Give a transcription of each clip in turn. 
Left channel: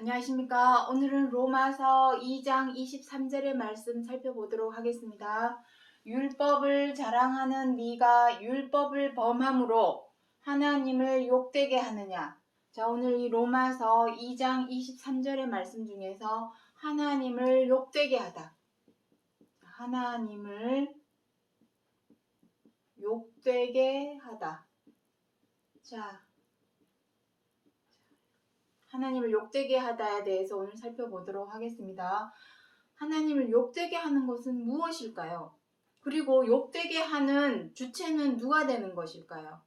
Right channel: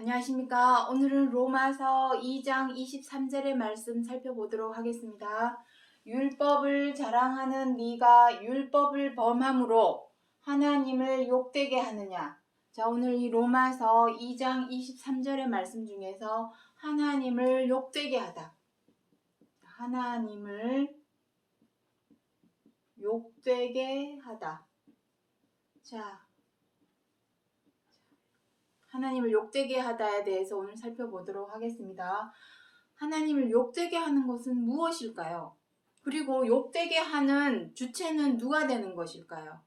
안녕하십니까. 오늘은 로마서 2장 23절의 말씀 살펴보도록 하겠습니다. 율법을 자랑하는 네가 율법을 범함으로 하나님을 욕되게 하느냐. 자, 오늘 이 로마서 2장 23절의 말씀 중에서 하나님을 욕되게 하다. 하나님을 욕되게 하다. 자, 하나님을 욕되게 하다에 대해서 오늘 살펴보도록 하겠습니다. 하나님을 욕되게 하는 것은 무엇일까요? 그리고 욕되게 하는 주체는 누가 되는 것일까요?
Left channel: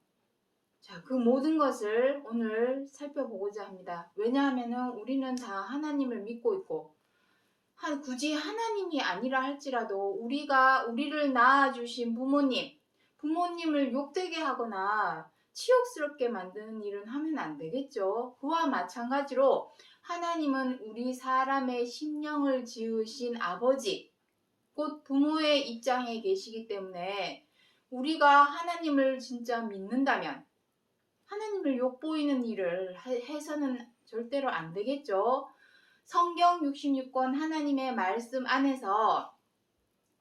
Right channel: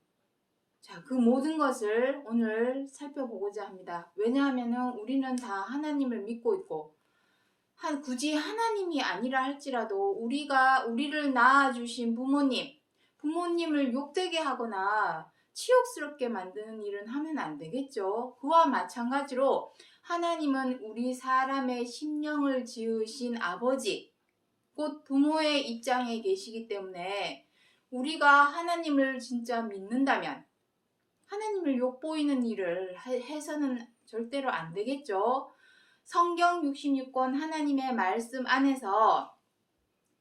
자, 그 모든 것을 오늘 살펴보고자 합니다. 왜냐하면 우리는 다 하나님을 믿고 있고, 굳이 하나님이 아니라 할지라도 우리를 낳아주신 부모님을 욕되게 하거나 치욕스럽게 만드는 일은 하면 안 되겠죠. 그와 마찬가지로 하나님은 우리 사람의 심령을 지으신 아버지, 곧 부모의 입장에 계시기 때문에 우리가 하나님을 진짜 믿는다면 하나님을 욕보이는 일을 해서는 절대로 안 되겠죠. 성경 66권 하나님의 말씀 안에서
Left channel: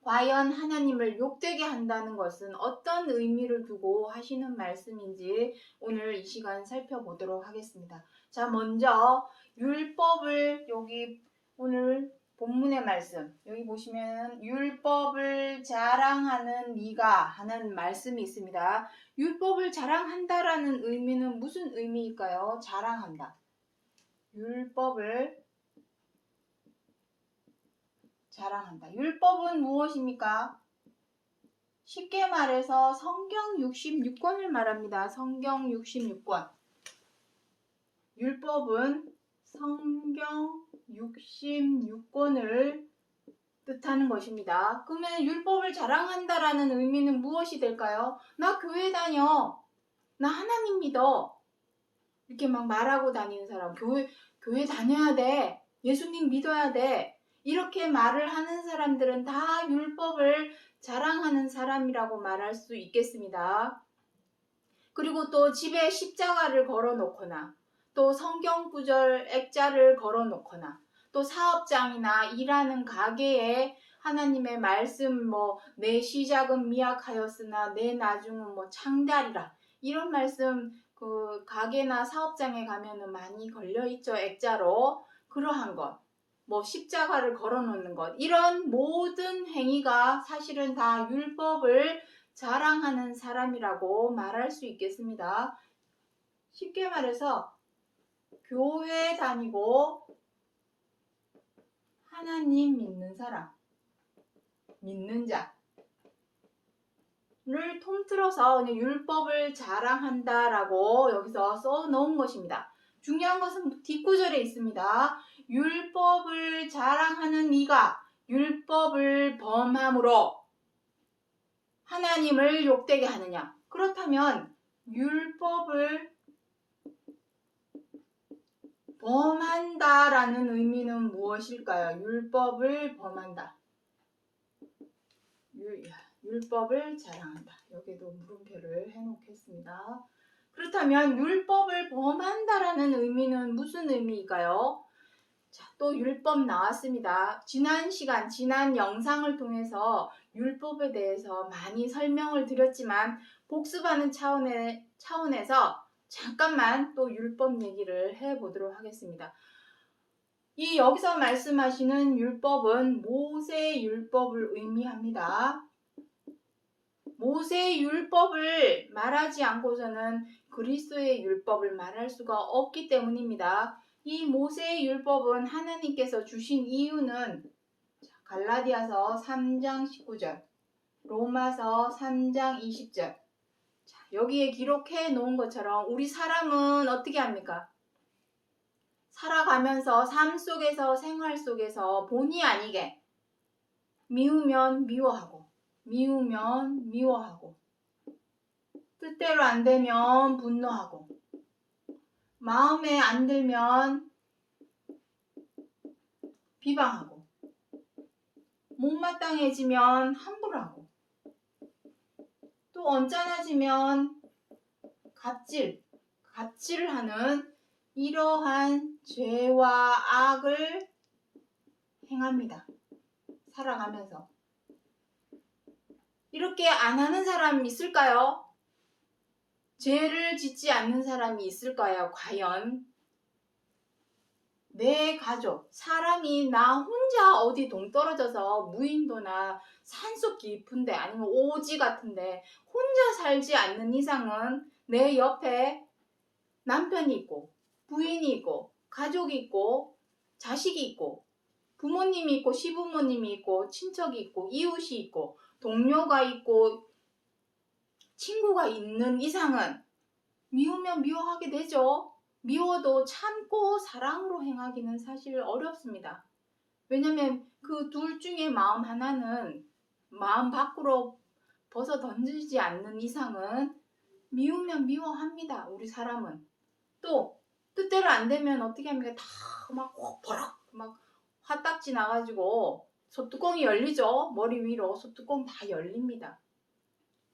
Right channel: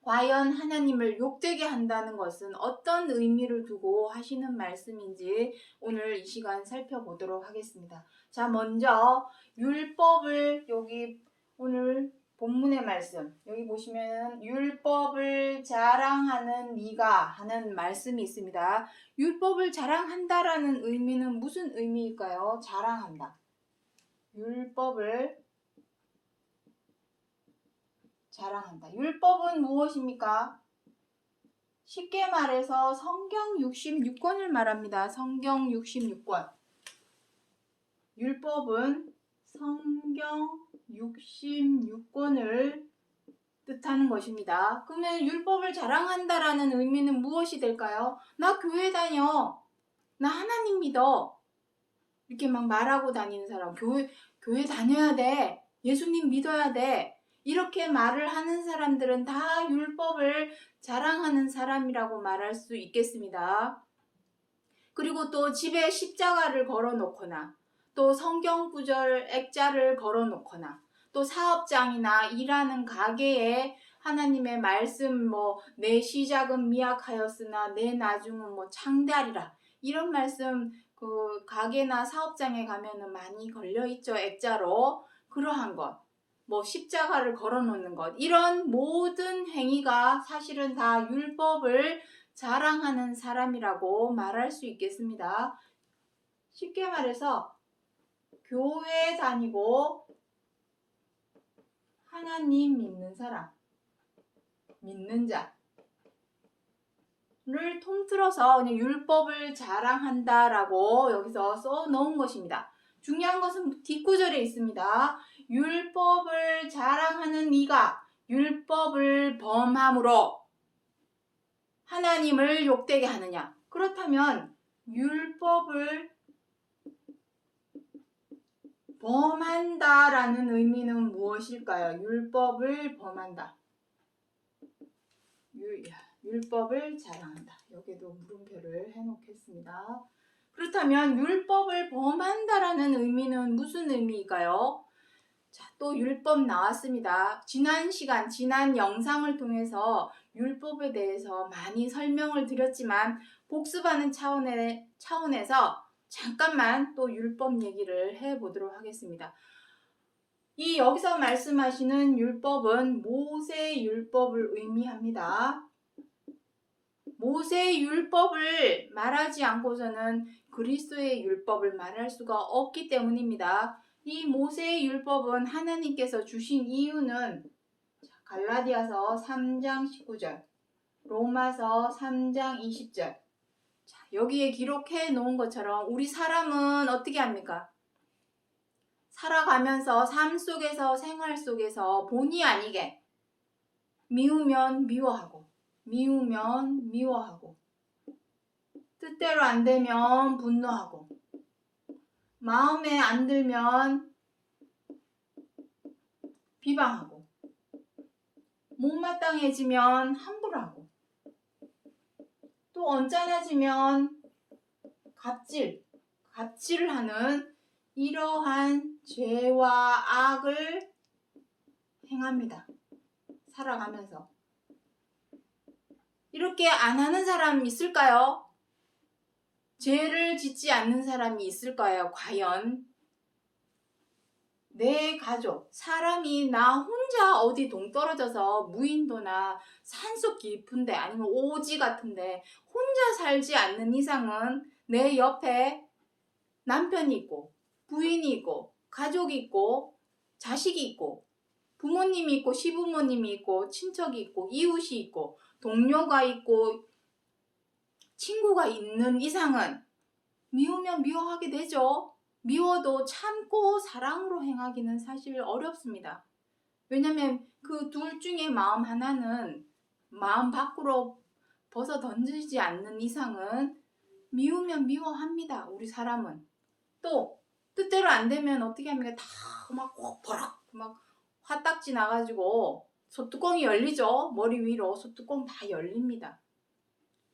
과연 하나님을 욕되게 한다는 것은 어떤 의미를 두고 하시는 말씀인지 오늘 이 시간 살펴보도록 하겠습니다. 자, 먼저 율법을 여기 오늘 본문의 말씀 여기 보시면 율법을 자랑하는 네가 하는 말씀이 있습니다. 율법을 자랑한다라는 의미는 무슨 의미일까요? 자랑한다. 율법을 자랑한다. 율법은 무엇입니까? 쉽게 말해서 성경 66권을 말합니다. 성경 66권. 율법은 성경 66권을 뜻하는 것입니다. 그러면 율법을 자랑한다라는 의미는 무엇이 될까요? 나 교회 다녀. 나 하나님 믿어. 이렇게 막 말하고 다니는 사람. 교회 다녀야 돼. 예수님 믿어야 돼. 이렇게 말을 하는 사람들은 다 율법을 자랑하는 사람이라고 말할 수 있겠습니다. 그리고 또 집에 십자가를 걸어놓거나 또 성경 구절 액자를 걸어놓거나 또 사업장이나 일하는 가게에 하나님의 말씀 내 시작은 미약하였으나 내 나중은 창대하리라 이런 말씀 그 가게나 사업장에 가면은 많이 걸려있죠. 액자로. 그러한 것. 십자가를 걸어놓는 것. 이런 모든 행위가 사실은 다 율법을 자랑하는 사람이라고 말할 수 있겠습니다. 쉽게 말해서 교회 다니고 하나님 믿는 사람, 믿는 자를 통틀어서 그냥 율법을 자랑한다라고 여기서 써놓은 것입니다. 중요한 것은 뒷구절에 있습니다. 율법을 자랑하는 네가 율법을 범함으로 하나님을 욕되게 하느냐? 그렇다면 율법을 범한다라는 의미는 무엇일까요? 율법을 범한다. 율법을 자랑한다. 여기도 물음표를 해놓겠습니다. 그렇다면 율법을 범한다라는 의미는 무슨 의미일까요? 자, 또 율법 나왔습니다. 지난 영상을 통해서 율법에 대해서 많이 설명을 드렸지만 복습하는 차원에서 잠깐만 또 율법 얘기를 해보도록 하겠습니다. 이 여기서 말씀하시는 율법은 모세 율법을 의미합니다. 모세 율법을 말하지 않고서는 그리스도의 율법을 말할 수가 없기 때문입니다. 이 모세의 율법은 하나님께서 주신 이유는 갈라디아서 3장 19절, 로마서 3장 20절. 여기에 기록해 놓은 것처럼 우리 사람은 어떻게 합니까? 살아가면서 삶 속에서 생활 속에서 본의 아니게 미우면 미워하고 미우면 미워하고 뜻대로 안 되면 분노하고 마음에 안 들면 비방하고 못마땅해지면 함부로 하고 또 언짢아지면 갑질을 하는 이러한 죄와 악을 행합니다. 살아가면서. 이렇게 안 하는 사람 있을까요? 죄를 짓지 않는 사람이 있을까요? 과연? 내 가족, 사람이 나 혼자 어디 동떨어져서 무인도나 산속 깊은데 아니면 오지 같은데 혼자 살지 않는 이상은 내 옆에 남편이 있고 부인이 있고 가족이 있고 자식이 있고 부모님이 있고 시부모님이 있고 친척이 있고 이웃이 있고 동료가 있고 친구가 있는 이상은 미우면 미워하게 되죠. 미워도 참고 사랑으로 행하기는 사실 어렵습니다. 왜냐면 그 둘 중에 마음 하나는 마음 밖으로 벗어 던지지 않는 이상은 미우면 미워합니다. 우리 사람은. 또 뜻대로 안 되면 어떻게 합니까? 다 막 버럭 막 화딱지 나가지고 소뚜껑이 열리죠. 머리 위로 소뚜껑 다 열립니다.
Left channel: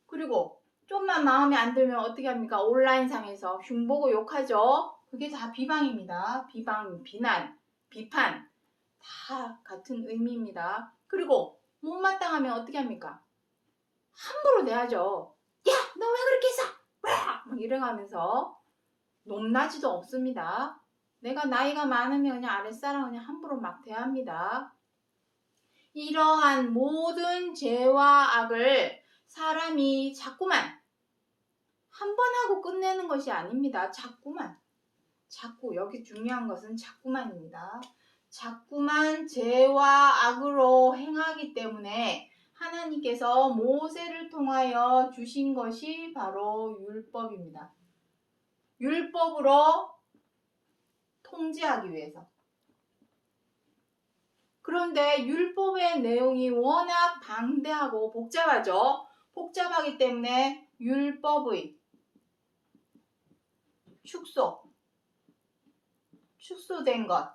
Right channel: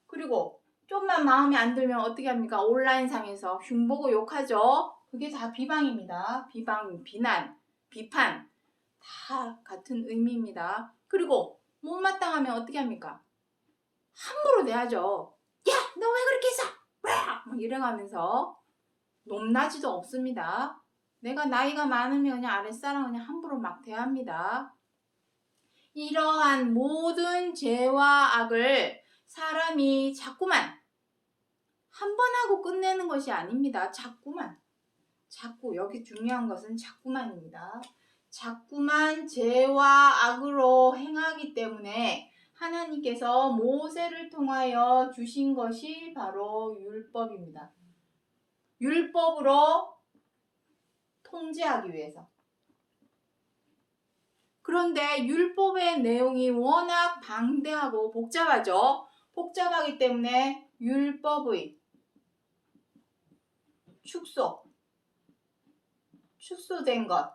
그리고 좀만 마음에 안 들면 어떻게 합니까? 온라인상에서 흉보고 욕하죠. 그게 다 비방입니다. 비방, 비난, 비판 다 같은 의미입니다. 그리고 못마땅하면 어떻게 합니까? 함부로 대하죠. 야, 너 왜 그렇게 했어? 막 이래가면서 높낮이도 없습니다. 내가 나이가 많으면 그냥 아랫사람 그냥 함부로 막 대합니다. 이러한 모든 죄와 악을 사람이 자꾸만 한 번 하고 끝내는 것이 아닙니다. 자꾸 여기 중요한 것은 자꾸만입니다. 자꾸만 죄와 악으로 행하기 때문에 하나님께서 모세를 통하여 주신 것이 바로 율법입니다. 율법으로 통제하기 위해서. 그런데 율법의 내용이 워낙 방대하고 복잡하죠. 복잡하기 때문에 율법의 축소된 것,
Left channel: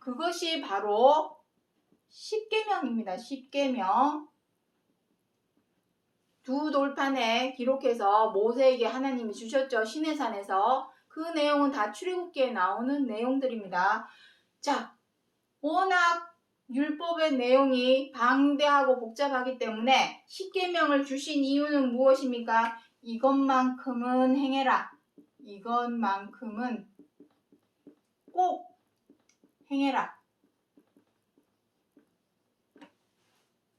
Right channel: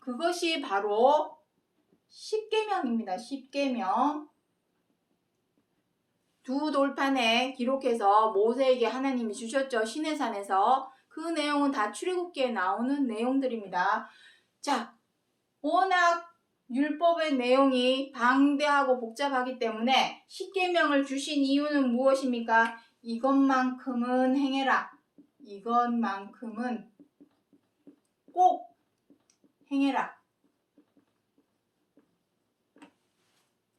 그것이 바로 십계명입니다. 십계명. 두 돌판에 기록해서 모세에게 하나님이 주셨죠. 시내산에서. 그 내용은 다 출애굽기에 나오는 내용들입니다. 자, 워낙 율법의 내용이 방대하고 복잡하기 때문에 십계명을 주신 이유는 무엇입니까? 이것만큼은 행해라. 이것만큼은 꼭 행해라.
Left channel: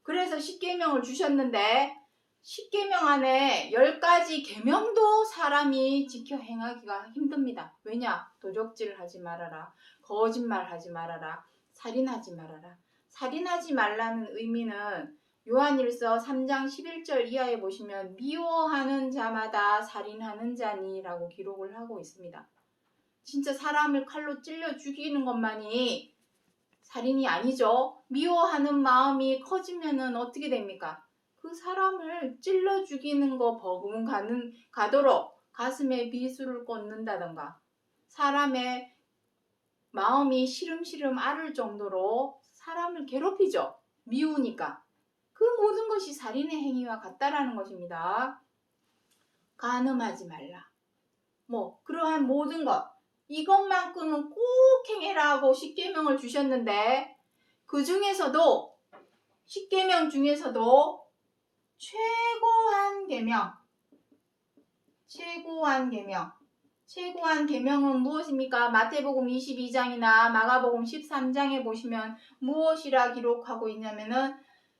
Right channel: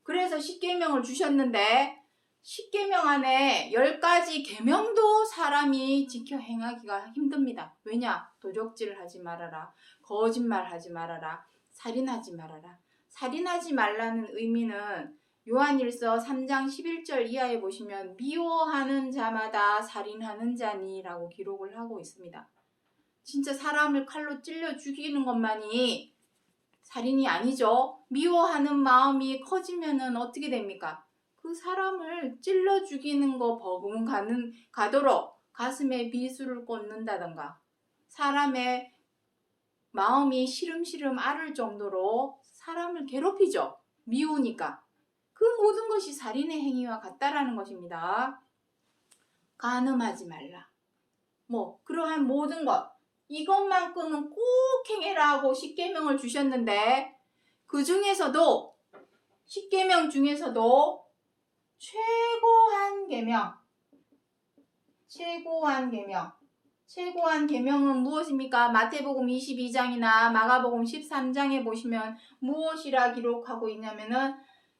그래서 십계명을 주셨는데 십계명 안에 10가지 계명도 사람이 지켜 행하기가 힘듭니다. 왜냐? 도적질을 하지 말아라. 거짓말하지 말아라. 살인하지 말아라. 살인하지 말라는 의미는 요한일서 3장 11절 이하에 보시면 미워하는 자마다 살인하는 자니라고 기록을 하고 있습니다. 진짜 사람을 칼로 찔러 죽이는 것만이 살인이 아니죠. 미워하는 마음이 커지면은 어떻게 됩니까? 그 사람을 찔러 죽이는 거 가도록 가슴에 비수를 꽂는다던가 사람의 마음이 시름시름 앓을 정도로 사람을 괴롭히죠. 미우니까. 그 모든 것이 살인의 행위와 같다라는 것입니다. 간음하지 말라. 그러한 모든 것. 이것만큼은 꼭 행해라고 십계명을 주셨는데 그 중에서도 십계명 중에서도 최고한 계명은 무엇입니까? 마태복음 22장이나 마가복음 13장에 보시면 무엇이라 기록하고 있냐면은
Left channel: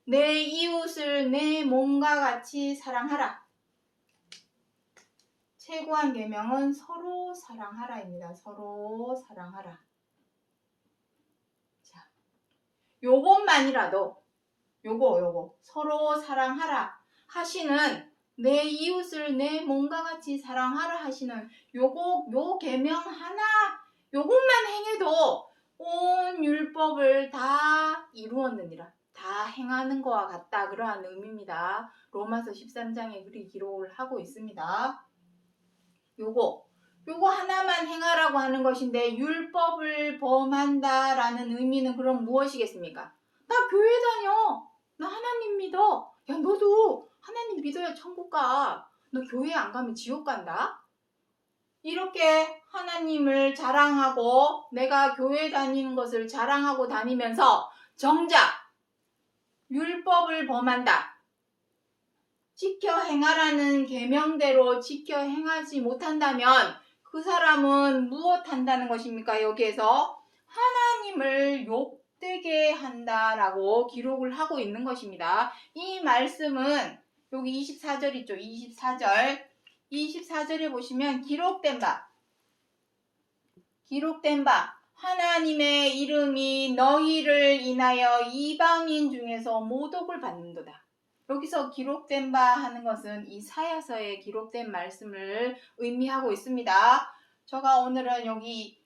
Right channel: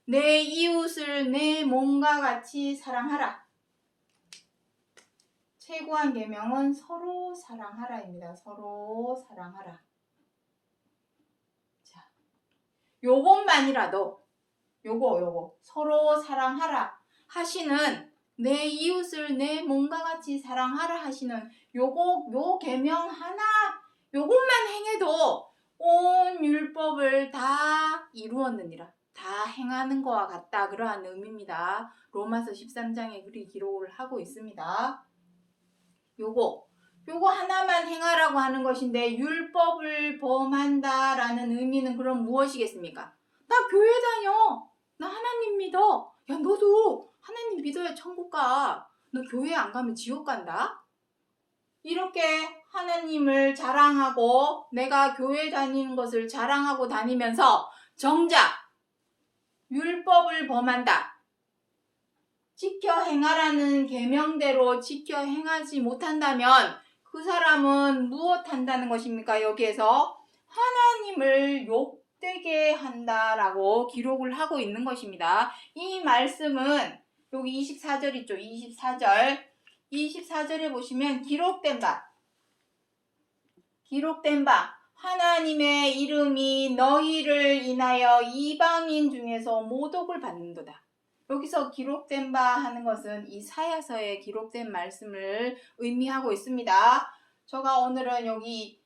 내 이웃을 내 몸과 같이 사랑하라. 최고한 계명은 서로 사랑하라입니다. 서로 사랑하라. 자, 요것만이라도 요거 서로 사랑하라 하시는 내 이웃을 내 몸과 같이 사랑하라 하시는 요 계명 하나 요것만 행해도 온 율법을 다 이루었느니라. 다 행하는 거와 같다. 그러한 의미입니다. 로마서 13장에 그리 기록을 하고 있습니다. 요거 하나만 행하라고 하는 것인데 율법을 범한다라는 의미는 그럼 무엇이겠습니까? 나 교회 다녀. 나 하나님 믿어. 야, 너도 하나님 믿어야 천국 가. 너 교회 안 가면 지옥 간다. 이렇게 하나님을 자랑하고 내가 교회 다니는 것을 자랑하고 다니면서 정작 율법을 범한다. 지켜 행하라는 계명대로 지켜 행하지 못한다면 그 사람은 무엇한다는 것입니까? 여기에서 하나님을 욕되게 한다라고 기록을 하고 있는 것입니다. 이 말씀은 여기 24절 있죠. 24절에 보시면 기록된 바 하나님의 이름이 너희를 인하여 이방인 중에서 모독을 받는도다. 여기서 기록된 바 하는 것은 이사야서에 기록된 말씀을 의미하고 있습니다. 제가 오늘은 여기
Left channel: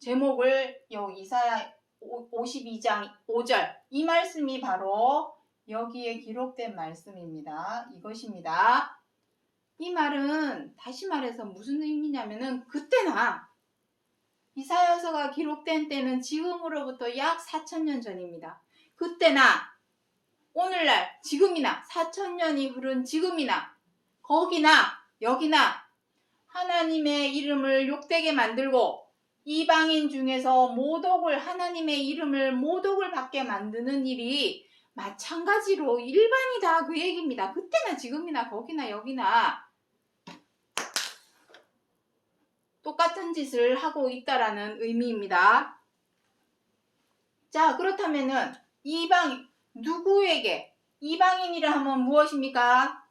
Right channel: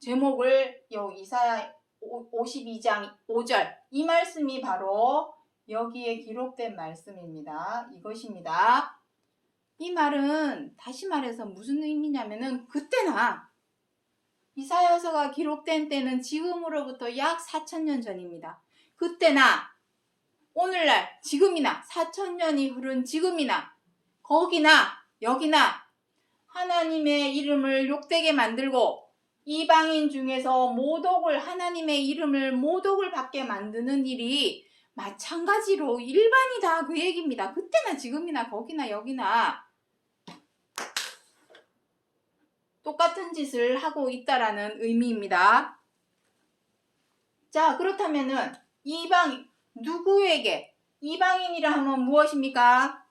제목을 이사야 52장 5절 이 말씀이 바로 여기에 기록된 말씀입니다. 이것입니다. 이 말은 다시 말해서 무슨 의미냐면은 그때나 이사야서가 기록된 때는 지금으로부터 약 4,000년 전입니다. 그때나 오늘날 지금이나 4,000년이 흐른 지금이나 거기나 여기나 하나님의 이름을 욕되게 만들고 이방인 중에서 하나님의 이름을 모독을 받게 만드는 일이 마찬가지로 일반이다 그 얘기입니다. 그때나 지금이나 거기나 여기나 똑같은 짓을 하고 있다라는 의미입니다. 자, 그렇다면은 누구에게 이방인이라 하면 무엇입니까?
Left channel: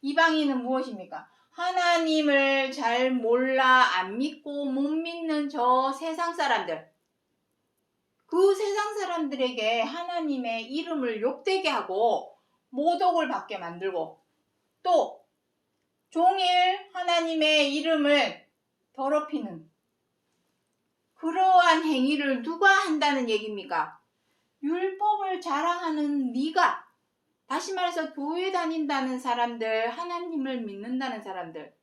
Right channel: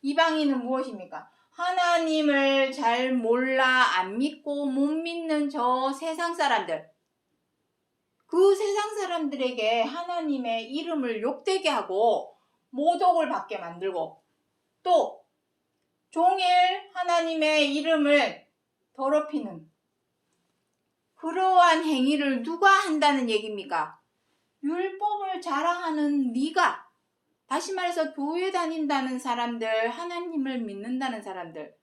이방인은 무엇입니까? 하나님을 잘 몰라 안 믿고 못 믿는 저 세상 사람들. 그 세상 사람들에게 하나님의 이름을 욕되게 하고 모독을 받게 만들고 또 종일 하나님의 이름을 더럽히는 그러한 행위를 누가 한다는 얘기입니까? 율법을 자랑하는 네가, 다시 말해서 교회 다닌다는 사람들, 하나님을 믿는다는 사람들,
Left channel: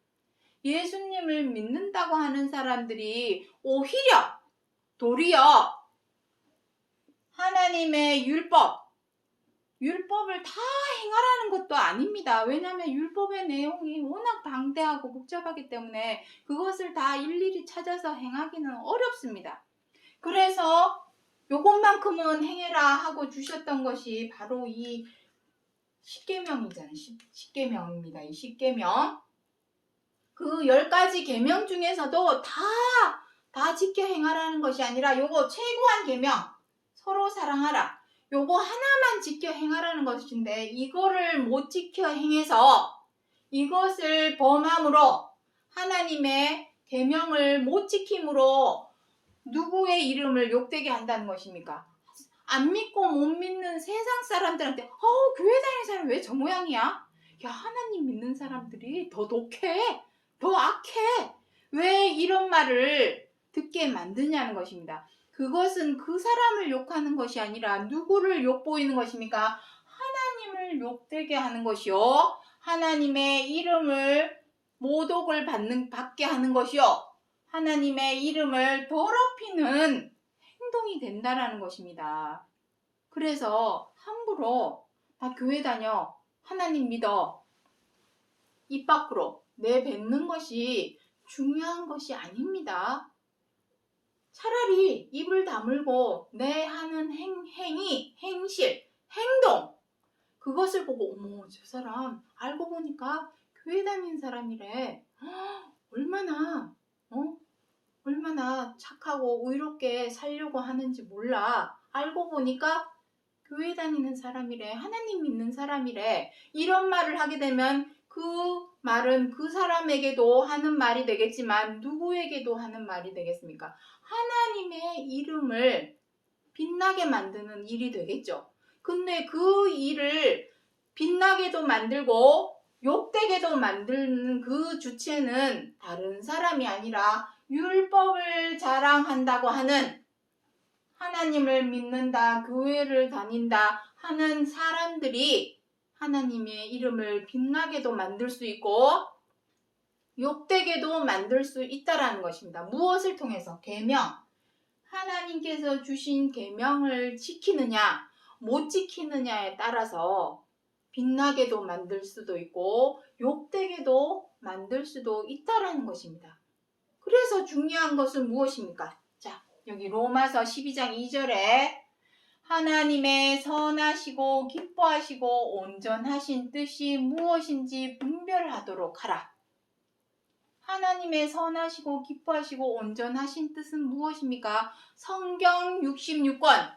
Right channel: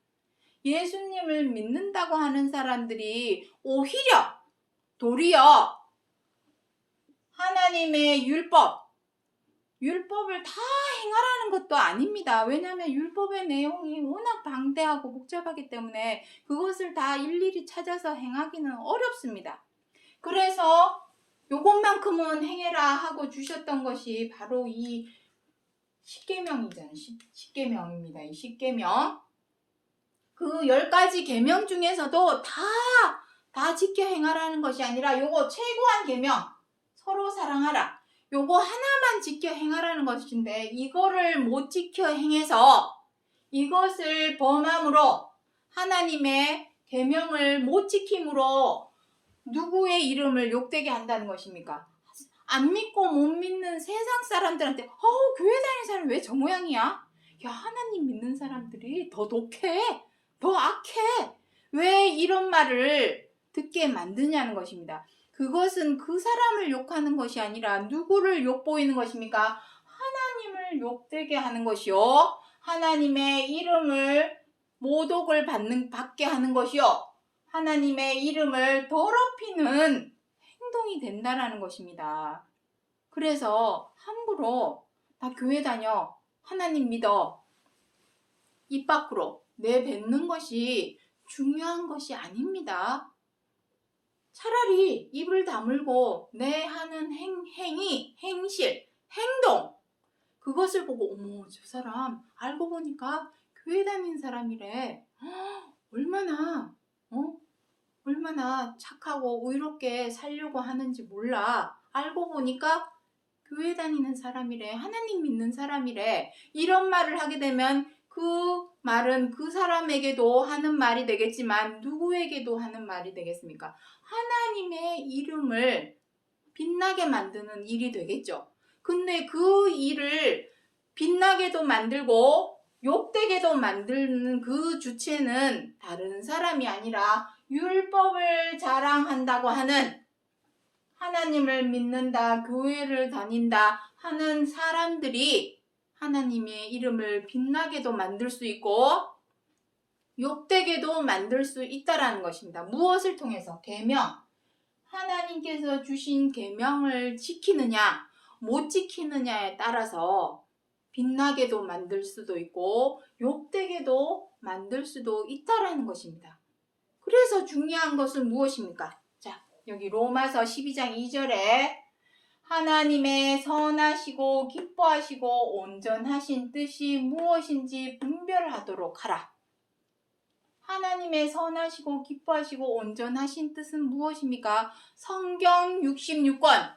예수님을 믿는다고 하는 사람들이 오히려 도리어 하나님의 율법을 다 행하라는 것도 아닙니다. 왜냐하면 율법의 내용이 워낙 방대하고 복잡하기 때문에 그것을 다 일일이 찾아서 행하기는 어렵습니다. 그래서 요것만큼은 행해라 하고 주셨던 것이 바로 이 십계명이잖아요. 십계명입니다. 이 십계명. 그 10가지 계명 중에서도 다 지켜 행하라는 것이 아니라 요거 최고한 계명, 서로 사랑하라. 요거 하나만 지켜 행하라는 것인데 이거를 못 지켜 행해서 이것을 범함으로 하나님의 계명을 못 지킴으로 누구의 이름을 욕되게 한다는 것입니까? 안 믿고 못 믿는 세상 사람들한테 교회 다니는 사람이 왜 저 모양이야? 야, 하나님 믿는 사람들이 더 독해, 더 악해. 왜 이런 말을 듣게 만드냐는 것입니다. 그것은 그 사람을 욕하는 것이 아니라 누구를 욕보이는 것입니까? 하나님을 욕되게 하는 것이요, 하나님의 이름을 모독을 받게 하는 것이요, 하나님의 이름을 더럽히는 행동이 된다라는 것입니다. 그래서 함부로 다 교회 다녀, 하나님 믿어, 입 밖으로 내뱉는 것이 중요한 것이 아닙니다. 차라리 입을 다물고 내 하는 행위, 행실, 행동, 그것을 보고 어머, 저 사람 알고 보니까 교회 다니는 사람이래. 얼마나 착하고 의롭게 살려고 하는지 몰라. 알고 보니까 교회 다니는 사람이래, 하나님 믿는 사람이래. 이런 말을 하게 되면 그 말은 그 사람에게도 하는 말이 되겠지만 누구에게도 하는 말이 되겠습니까? 하나님의 이름을 빛나게 만드는 일이 되겠죠. 근데 그 일을 빛나게도 만들고 욕되게도 만드는 그 주체는 다른 사람이 아니라 율법을 자랑한다고 하는, 하나님을 믿는다, 교회를 다닌다 하는 사람들이 하나님의 이름을 빛나게도 만들 수 있고 욕되게도 만들 수 있다라는 것입니다. 무엇을 통해서? 계명. 하나님께서 주신 계명을 지키느냐 못 지키느냐에 따라서 빛나게도 만들 수도 있고 욕되게도 만들 수도 있다라는 것입니다. 그래서 중요한 것은 무엇입니까? 자, 여기 로마서 12장 2절에 하나님의 선하시고 기뻐하시고 온전하신 뜻이 무엇인지 분별하도록 하라. 하나님의 선하시고 기뻐하시고 온전하신 뜻은 무엇입니까? 성경 66권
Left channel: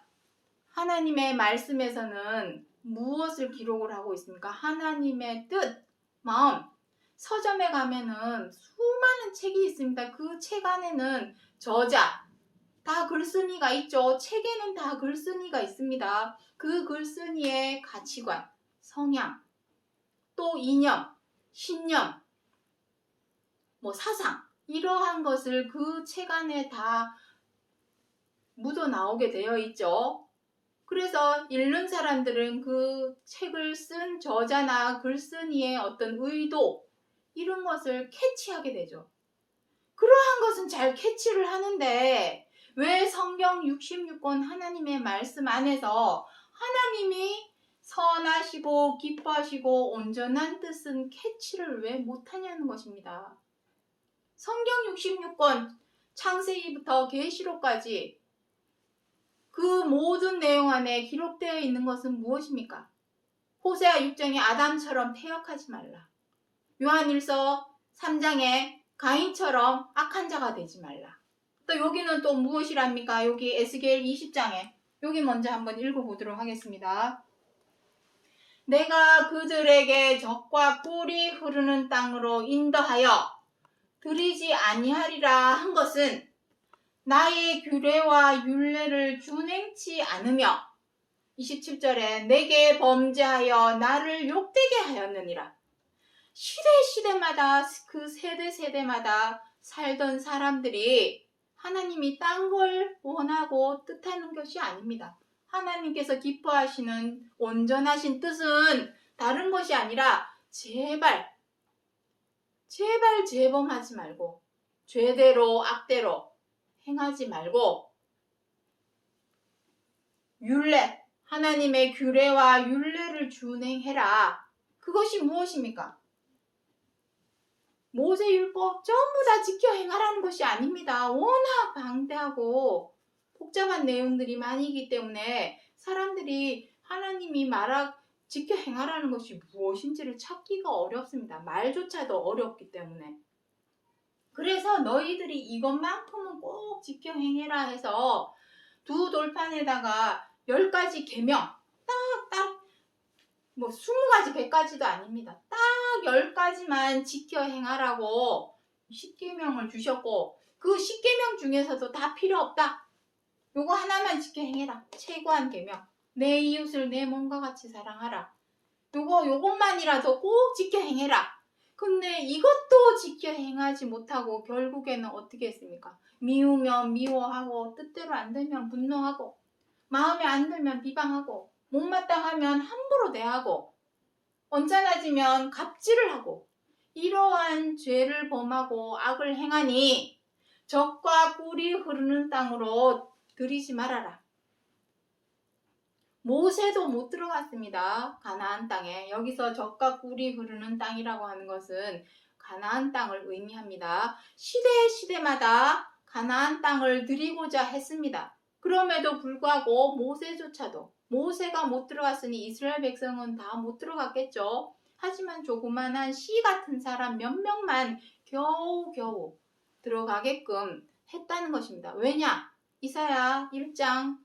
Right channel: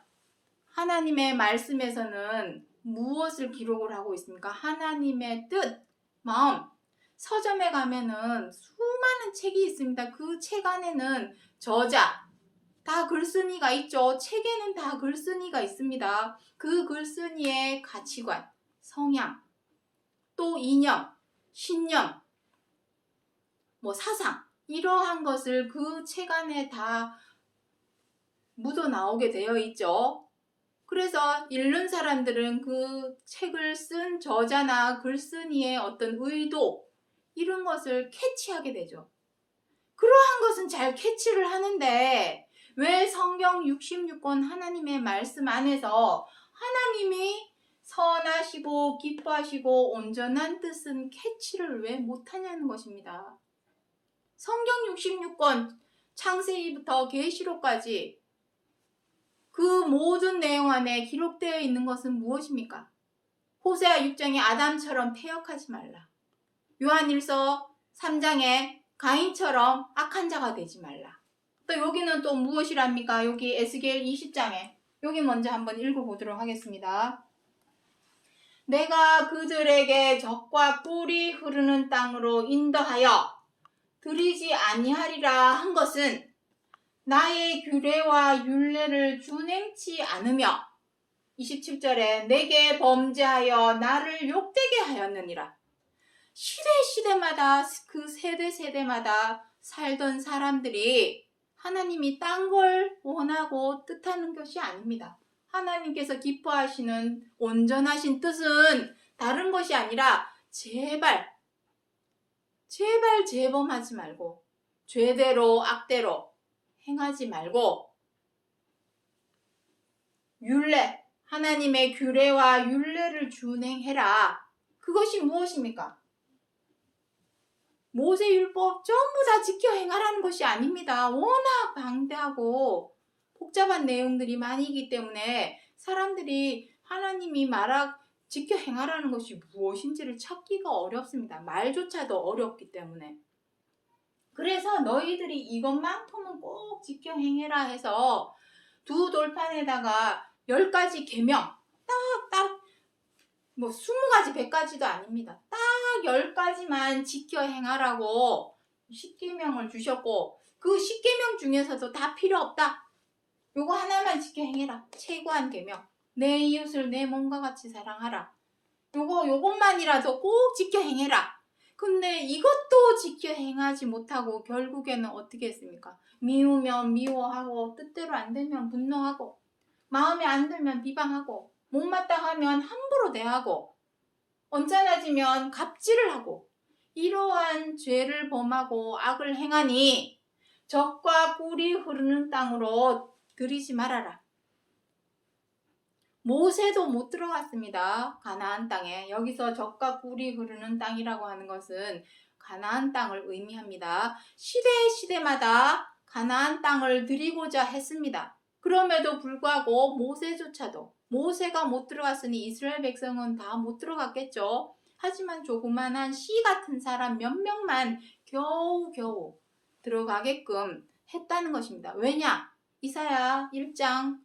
하나님의 말씀에서는 무엇을 기록을 하고 있습니까? 하나님의 뜻, 마음. 서점에 가면은 수많은 책이 있습니다. 그 책 안에는 저자, 다 글쓴이가 있죠. 책에는 다 글쓴이가 있습니다. 그 글쓴이의 가치관, 성향, 또 이념, 신념, 사상, 이러한 것을 그 책 안에 다 묻어 나오게 되어 있죠. 그래서 읽는 사람들은 그 책을 쓴 저자나 글쓴이의 어떤 의도, 이런 것을 캐치하게 되죠. 그러한 것은 잘 캐치를 하는데 왜 성경 66권 하나님의 말씀 안에서 하나님이 선하시고 기뻐하시고 온전한 뜻은 캐치를 왜 못하냐는 것입니다. 성경 66권 창세기부터 계시록까지 그 모든 내용 안에 기록되어 있는 것은 무엇입니까? 호세아 6장에 아담처럼 퇴역하지 말라. 요한일서 3장에 가인처럼 악한 자가 되지 말라. 또 여기는 또 무엇이랍니까? 여기 에스겔 20장에 여기 먼저 한번 읽어보도록 하겠습니다. 내가 그들에게 적과 꿀이 흐르는 땅으로 인도하여 들이지 아니하리라 한 것은 나의 규례와 율례를 준행치 않으며 27절에 내게 범죄하여 나를 욕되게 하였느니라. 시대마다 그 세대마다 살던 사람들이 하나님이 딴 걸 원하고 뜻하는 것이 아닙니다. 하나님께서 기뻐하시는 온전하신 뜻은 다른 것이 아니라 제발 재범하지 말고 죄대로 악대로 행하지 말고 율례, 하나님의 규례와 율례를 준행해라. 그것이 무엇입니까? 모세율법 전부 다 지켜 행하라는 것이 아닙니다. 워낙 방대하고 복잡한 내용들이 많이기 때문에 사람들이 하나님이 지켜 행하라는 것이 무엇인지를 찾기가 어렵습니다. 말조차도 어렵기 때문에. 그래서 너희들이 이것만큼은 꼭 지켜 행해라 해서 두 돌판에다가 10가지 계명, 딱 20가지, 100가지도 아닙니다. 딱 10가지만 지켜 행하라고 10계명을 주셨고 그 10계명 중에서도 다 필요 없다. 요거 하나만 지켜 행해라. 최고한 계명. 내 이웃을 내 몸과 같이 사랑하라. 요것만이라도 꼭 지켜 행해라. 근데 이것도 지켜 행하지 못하고 결국에는 어떻게 했습니까? 미우면 미워하고 뜻대로 안 되면 분노하고 마음에 안 들면 비방하고 못마땅하면 함부로 대하고 언짢아지면 갑질을 하고 이러한 죄를 범하고 악을 행하니 적과 꿀이 흐르는 땅으로 들이지 말아라. 모세도 못 들어갔습니다. 가나안 땅에. 여기서 적과 꿀이 흐르는 땅이라고 하는 것은 가나안 땅을 의미합니다. 시대마다 가나안 땅을 드리고자 했습니다. 그럼에도 불구하고 모세가 못 들어갔으니 이스라엘 백성은 다 못 들어갔겠죠. 하지만 조그만한 씨 같은 사람 몇 명만 겨우 들어가게끔 했다는 것입니다. 왜냐? 이사야 1장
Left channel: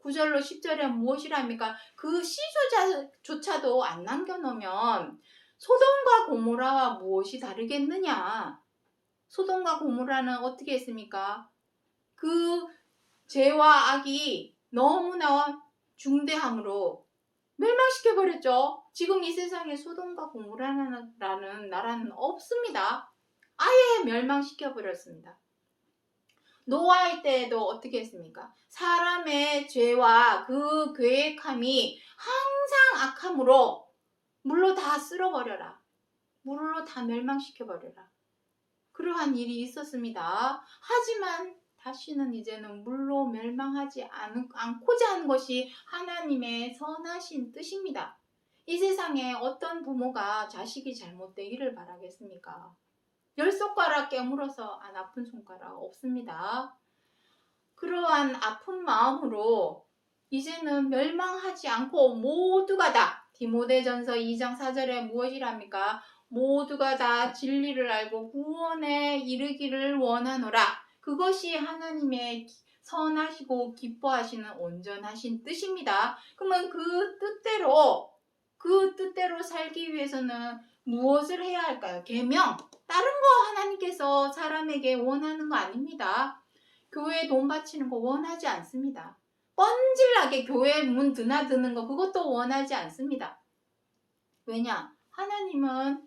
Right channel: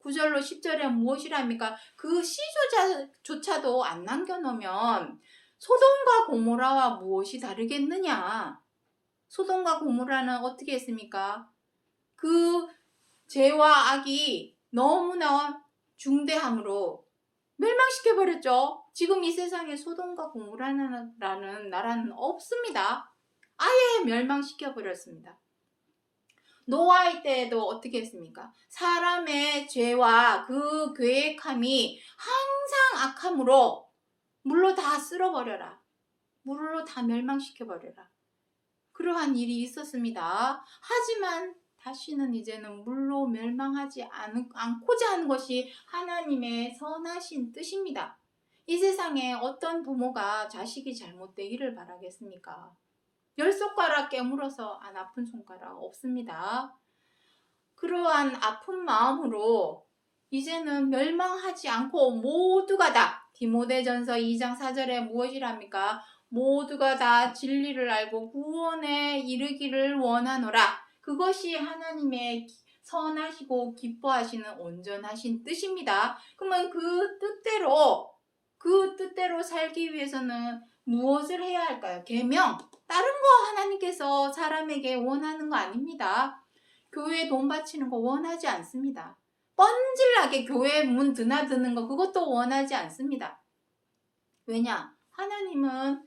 9절로 10절에 무엇이랍니까? 그 씨조차도 안 남겨놓으면 소돔과 고모라와 무엇이 다르겠느냐? 소돔과 고모라는 어떻게 했습니까? 그 죄와 악이 너무나 중대함으로 멸망시켜버렸죠. 지금 이 세상에 소돔과 고모라는 나라는 없습니다. 아예 멸망시켜버렸습니다. 노아의 때에도 어떻게 했습니까? 사람의 죄와 그 계획함이 항상 악함으로 물로 다 쓸어버려라. 물로 다 멸망시켜버려라. 그러한 일이 있었습니다. 하지만 다시는 이제는 물로 멸망하지 않고자 하는 것이 하나님의 선하신 뜻입니다. 이 세상에 어떤 부모가 자식이 잘못되기를 바라겠습니까? 10손가락 깨물어서 안 아픈 손가락 없습니다. 그러한 아픈 마음으로 이제는 멸망하지 않고 모두가 다 디모데전서 2장 4절에 무엇이랍니까? 모두가 다 진리를 알고 구원에 이르기를 원하노라. 그것이 하나님의 선하시고 기뻐하시는 온전하신 뜻입니다. 그러면 그 뜻대로 살기 위해서는 무엇을 해야 할까요? 계명. 다른 거 하나님께서 사람에게 원하는 거 아닙니다. 교회에 돈 바치는 거 원하지 않습니다. 뻔질나게 교회 문 드나드는 거 그것도 원하지 않습니다. 왜냐? 하나님은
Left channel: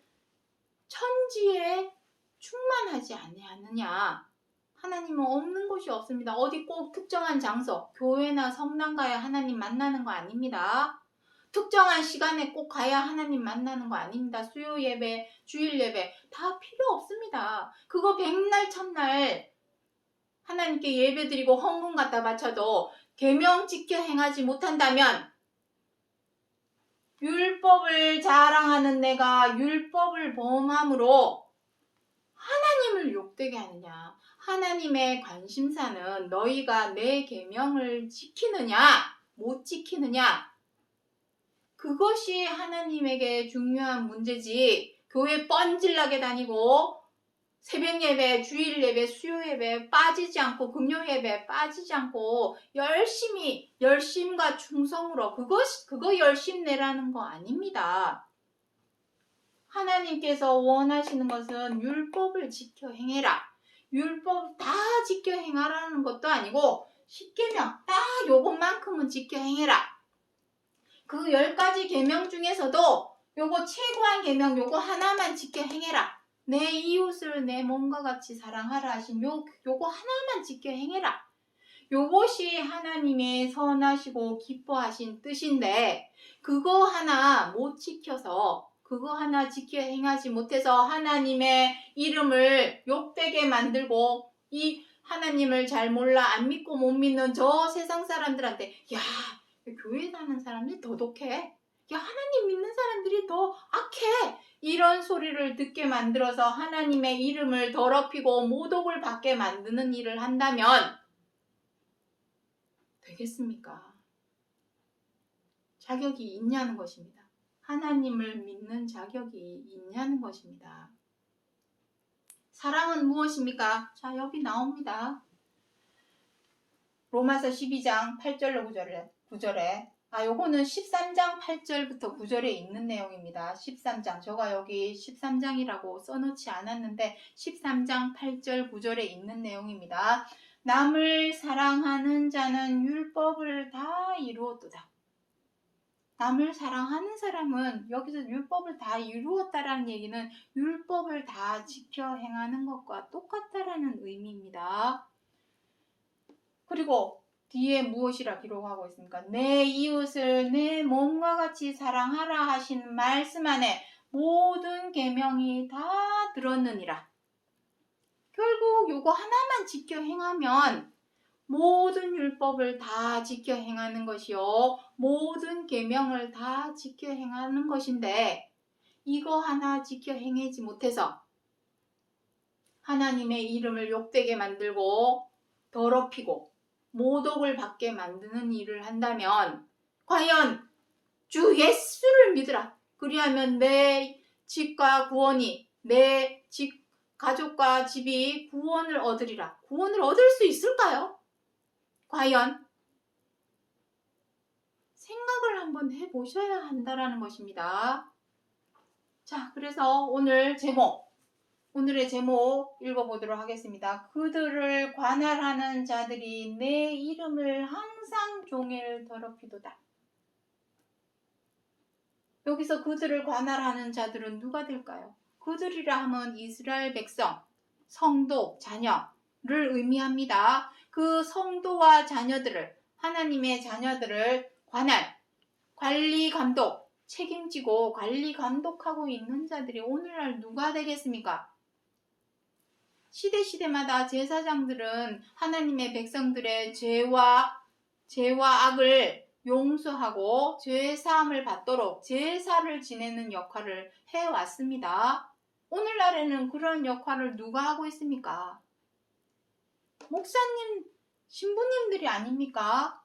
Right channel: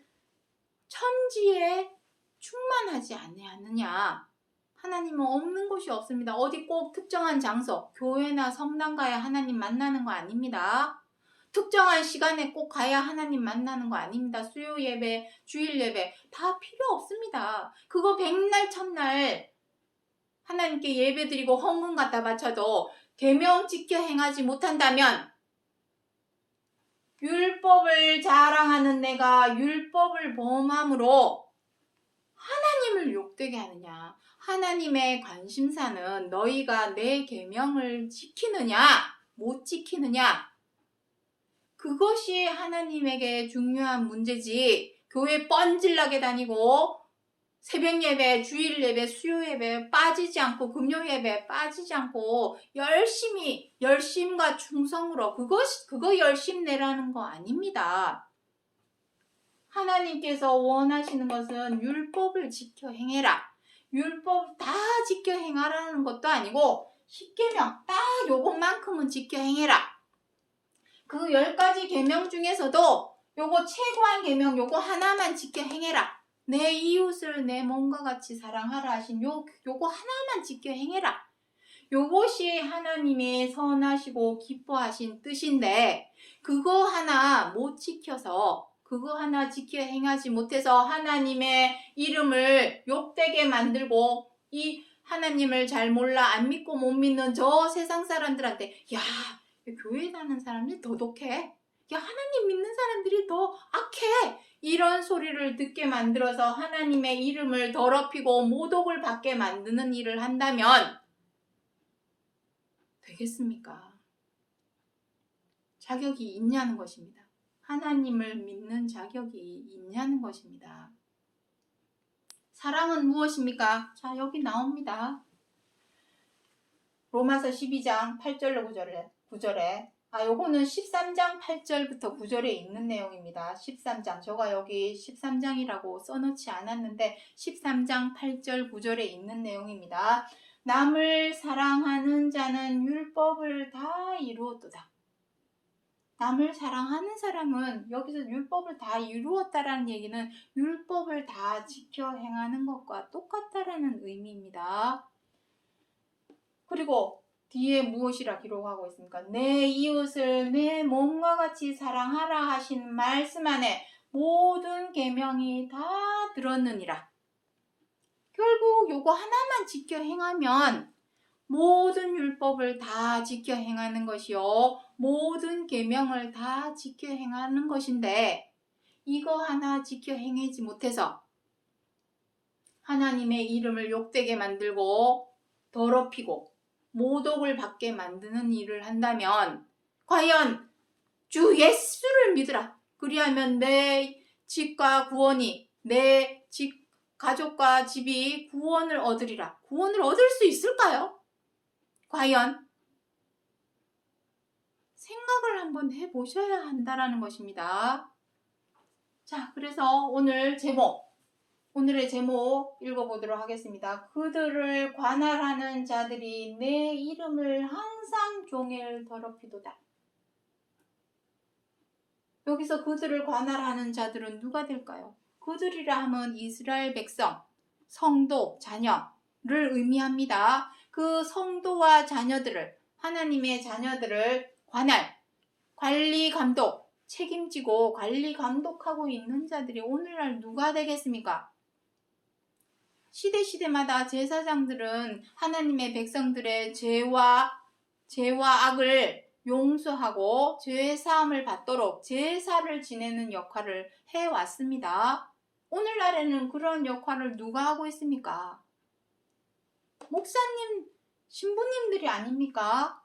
천지에 충만하지 아니하느냐. 하나님은 없는 곳이 없습니다. 어디 꼭 특정한 장소, 교회나 성당 가야 하나님 만나는 거 아닙니다. 특정한 시간에 꼭 가야 하나님 만나는 거 아닙니다. 수요 예배, 주일 예배 다 필요 없습니다. 그거 백날 첫날 하나님께 예배드리고 헌금 갖다 바쳐도 계명 지켜 행하지 못한다면 율법을 자랑하는 내가 율법을 범함으로 하나님을 욕되게 하느냐? 하나님의 관심사는 너희가 내 계명을 지키느냐 못 지키느냐? 그것이 하나님에게 중요한 문제지. 교회 뻔질나게 다니고 새벽 예배, 주일 예배, 수요 예배 빠지지 않고 금요 예배 빠지지 않고 열심과 충성으로 그거 열심 내라는 거 아닙니다. 하나님께서 원하시는 것은 율법을 지켜 행해라. 율법 다 지켜 행하라는 것도 아니고 10계명 딱 요것만큼은 지켜 행해라. 그 10가지 계명 중에서도 요거 최고한 계명 요거 하나만 지켜 행해라. 내 이웃을 내 몸과 같이 사랑하라 하신 요거 하나만 지켜 행해라. 요것이 하나님의 선하시고 기뻐하신 뜻인데 그거 하나 못 지켜서 그거 하나 지켜 행하지 못해서 하나님의 이름을 욕되게 만들고 이 하나님을 잘 몰라 안 믿고 못 믿는 저 세상 사람들한테 야 교회 다니는 사람들이 더 독해. 야 하나님 믿는 사람들이 더 악해. 이런 소리를 듣게 만들어서 하나님의 이름을 더럽히고 모독을 받게 만드는 일을 한다면 되겠습니까? 자격이 있냐는 것입니다. 하나님을 믿는 자격이 있냐는 것입니다. 사랑은 무엇입니까? 자, 여기 나옵니다. 로마서 12장 8절로 9절에 요거는 13장 8절부터 9절에 있는 내용입니다. 13장, 제가 여기 13장이라고 써놓지 않았는데 13장 8절 9절에 있는 내용입니다. 남을 사랑하는 자는 율법을 다 이루었도다. 남을 사랑하는 사람은 여기서 율법을 다 이루었다라는 얘기는 율법을 다 지켜 행하는 것과 똑같다라는 의미입니다. 그리고 뒤에 무엇이라 기록하고 있습니까? 내 이웃을 내 몸과 같이 사랑하라 하신 말씀 안에 모든 계명이 다 들었느니라. 결국 요거 하나만 지켜 행하면 모든 율법을 다 지켜 행하는 것이요 모든 계명을 다 지켜 행하는 것인데 이거 하나 지켜 행하지 못해서 하나님의 이름을 욕되게 만들고 더럽히고 모독을 받게 만드는 일을 한다면 과연 주 예수를 믿으라. 그리하면 내 집과 구원이 내 집 가족과 집이 구원을 얻으리라. 구원을 얻을 수 있을까요? 과연 생각을 한번 해보셔야 한다는 것입니다. 자, 그래서 오늘의 제목 읽어보도록 하겠습니다. 그들을 관할하는 자들이 내 이름을 항상 종일 더럽히도다. 여기서 그들을 관할하는 자들은 누가 될까요? 그들이라 하면 이스라엘 백성, 성도, 자녀를 의미합니다. 그 성도와 자녀들을, 하나님의 자녀들을 관리, 감독, 책임지고 관리, 감독하고 있는 자들이 오늘날 누가 되겠습니까? 시대마다 제사장들은 하나님의 백성들의 죄와 악을 용서하고 죄 사함을 받도록 제사를 지내는 역할을 해왔습니다. 오늘날에는 그러한 역할을 누가 하고 있습니까? 목사님, 신부님들이 아닙니까?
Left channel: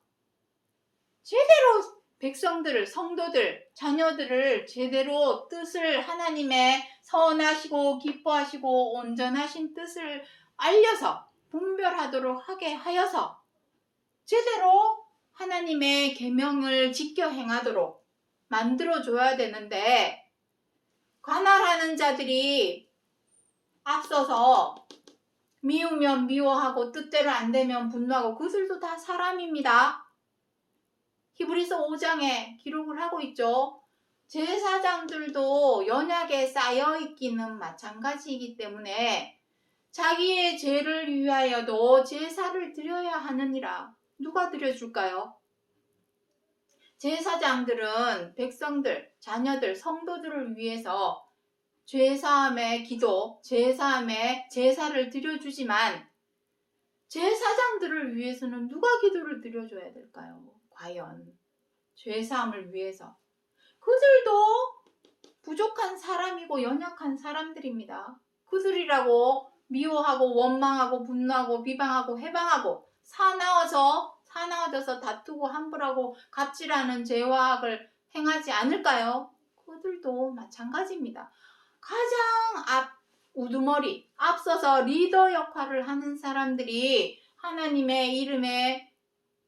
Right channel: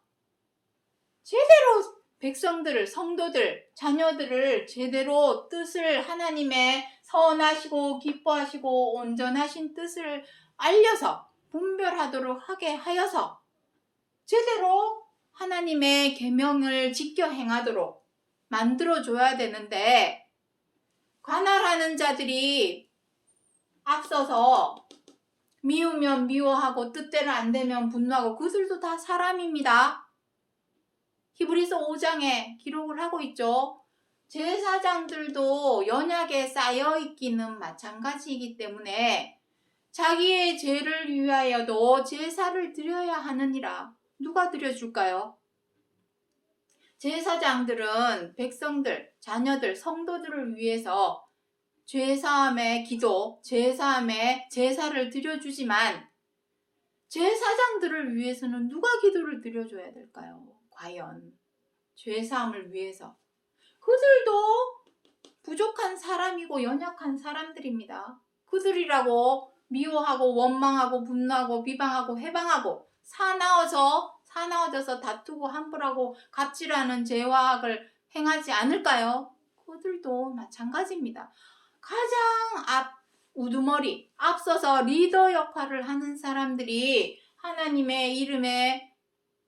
제대로 백성들을, 성도들, 자녀들을 제대로 뜻을 하나님의 선하시고 기뻐하시고 온전하신 뜻을 알려서 분별하도록 하게 하여서 제대로 하나님의 계명을 지켜 행하도록 만들어줘야 되는데 관할하는 자들이 앞서서 미우면 미워하고 뜻대로 안 되면 분노하고 그들도 다 사람입니다. 히브리서 5장에 기록을 하고 있죠. 제사장들도 연약에 쌓여있기는 마찬가지이기 때문에 자기의 죄를 위하여도 제사를 드려야 하느니라. 누가 드려줄까요? 제사장들은 백성들, 자녀들, 성도들을 위해서 죄사함의 기도, 죄사함의 제사를 드려주지만 제사장들을 위해서는 누가 기도를 드려줘야 될까요? 과연 죄사함을 위해서. 그들도 부족한 사람이고 연약한 사람들입니다. 그들이라고 미워하고 원망하고 분노하고 비방하고 해방하고 사나워져서 다투고 함부라고 갑질하는 죄와악을 행하지 않을까요? 그들도 마찬가지입니다. 가장 우두머리 앞서서 리더 역할을 하는 사람들이 하나님의 이름에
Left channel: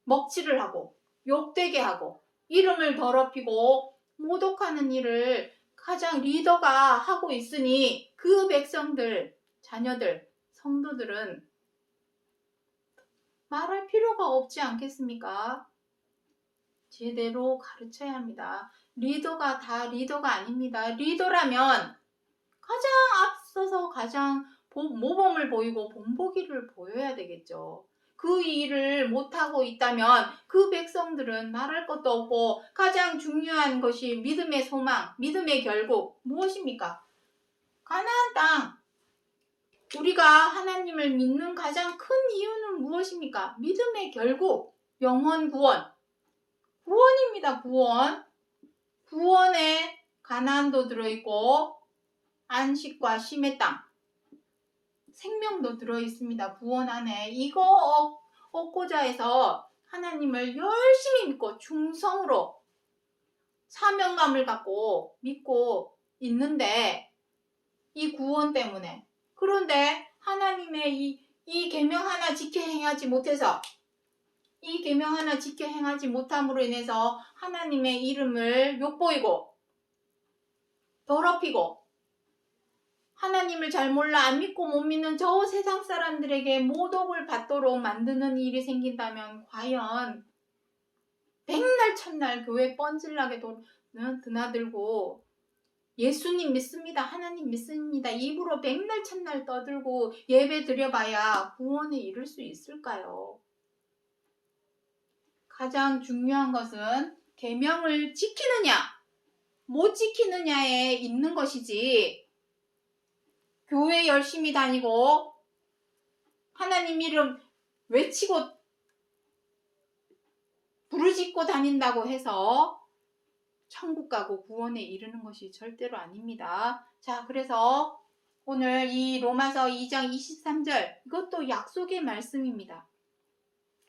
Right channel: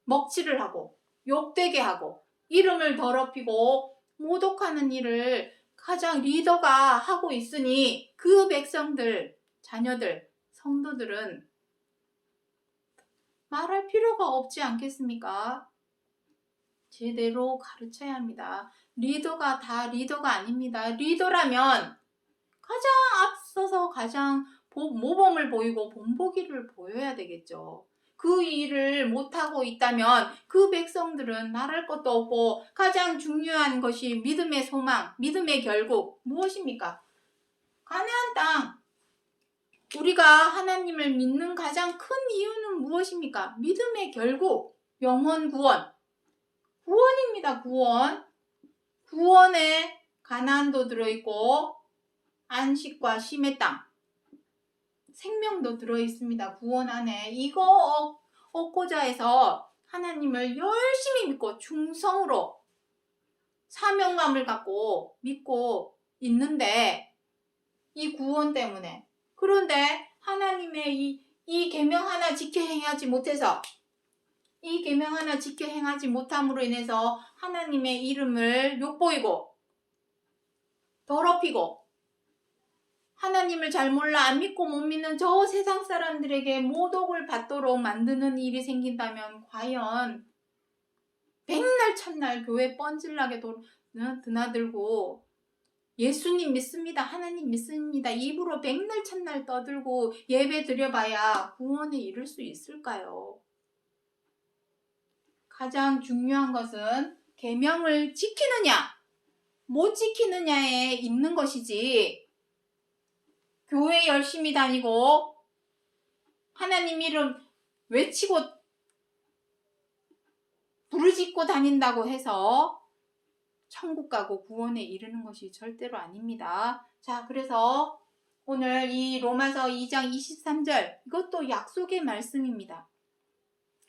먹칠을 하고 욕되게 하고 이름을 더럽히고 모독하는 일을 가장 리더가 하고 있으니 그 백성들, 자녀들, 성도들은 말할 필요가 없지 않겠습니까? 제대로 가르쳐야 합니다. 리더가 다 리더가 아닙니다. 리더라면 가장 앞서서 가장 모범을 보이고 본보기를 보여야 되겠죠. 그 일을 못하고 있다면 그 백성들은 말할 것도 없고 가장 중요한 것이 믿음의 소망, 믿음의 결국 무엇입니까? 가나안 땅. 우리가 하나님을 믿는 가장 큰 이유는 무엇입니까? 믿음의 결국, 영혼 구원. 구원입니다. 구원. 구원에 가나안도 들어있고 안식과 쉼의 땅, 생명도 들어있습니다. 구원 안에. 이거 얻고자 해서 하나님을 열심히 믿고 충성으로 사명감을 갖고 믿고 있는데 이 구원 때문에. 그런데 하나님의 이 계명 하나 지켜 행하지 못해서 이 계명 하나 지켜 행하지 못함으로 인해서 하나님의 이름을 욕보이고 더럽히고 하나님을 잘 몰라 안 믿고 못 믿는 저 세상 사람들에게 모독을 받도록 만드는 일이 생긴다면 과연 백날 첫날 교회 뻔질나게 드나들고 예수님 믿습니다, 하나님 믿습니다 입으로 백날 첫날 떠들고 예배 드려봐야 구원에 이를 수 있을까요? 가장 중요한 것은 계명을 지키느냐 못 지키느냐에 있는 것이지 교회 열심히 다니고 하나님 이름 외치고 부르짖고 다닌다고 해서 천국 가고 구원에 이르는 것이 절대로 아닙니다. 자, 그래서 오늘 이 로마서 2장 23절 이것도 약속의 말씀입니다.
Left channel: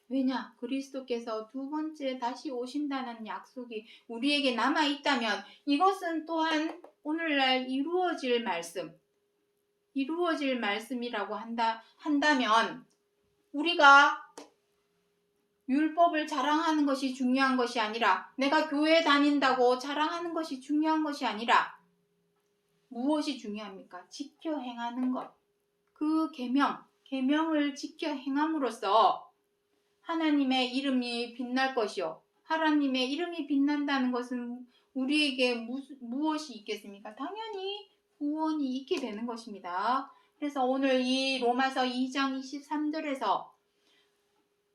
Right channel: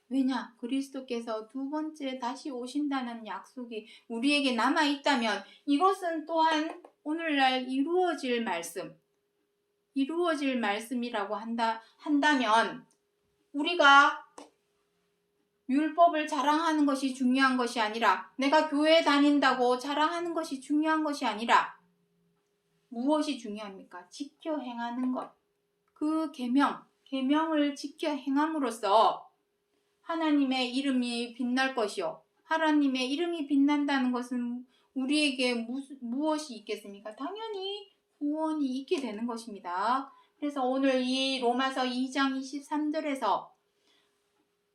왜냐? 그리스도께서 두 번째 다시 오신다는 약속이 우리에게 남아있다면 이것은 또한 오늘날 이루어질 말씀이라고 한다면 우리가 율법을 자랑하는 것이 중요한 것이 아니라 내가 교회 다닌다고 자랑하는 것이 중요한 것이 아니라 무엇이 중요합니까? 지켜 행하는 것. 그 계명을 지켜 행함으로써 하나님의 이름이 빛날 것이요. 하나님의 이름이 빛난다는 것은 우리에게 무엇이 있겠습니까? 당연히 구원이 있게 되는 것입니다. 그래서 오늘 이 로마서 2장 23절에서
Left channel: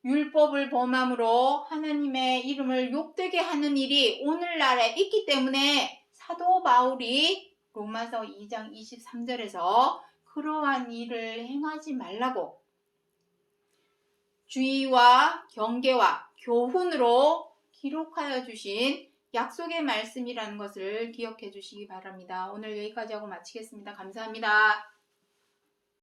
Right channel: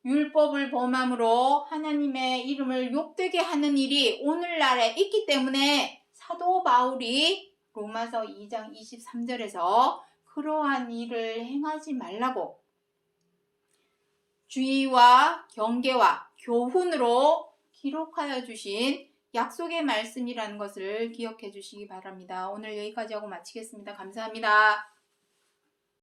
율법을 범함으로 하나님의 이름을 욕되게 하는 일이 오늘날에 있기 때문에 사도 바울이 로마서 2장 23절에서 그러한 일을 행하지 말라고 주의와 경계와 교훈으로 기록하여 주신 약속의 말씀이라는 것을 기억해 주시기 바랍니다. 오늘 여기까지 하고 마치겠습니다. 감사합니다.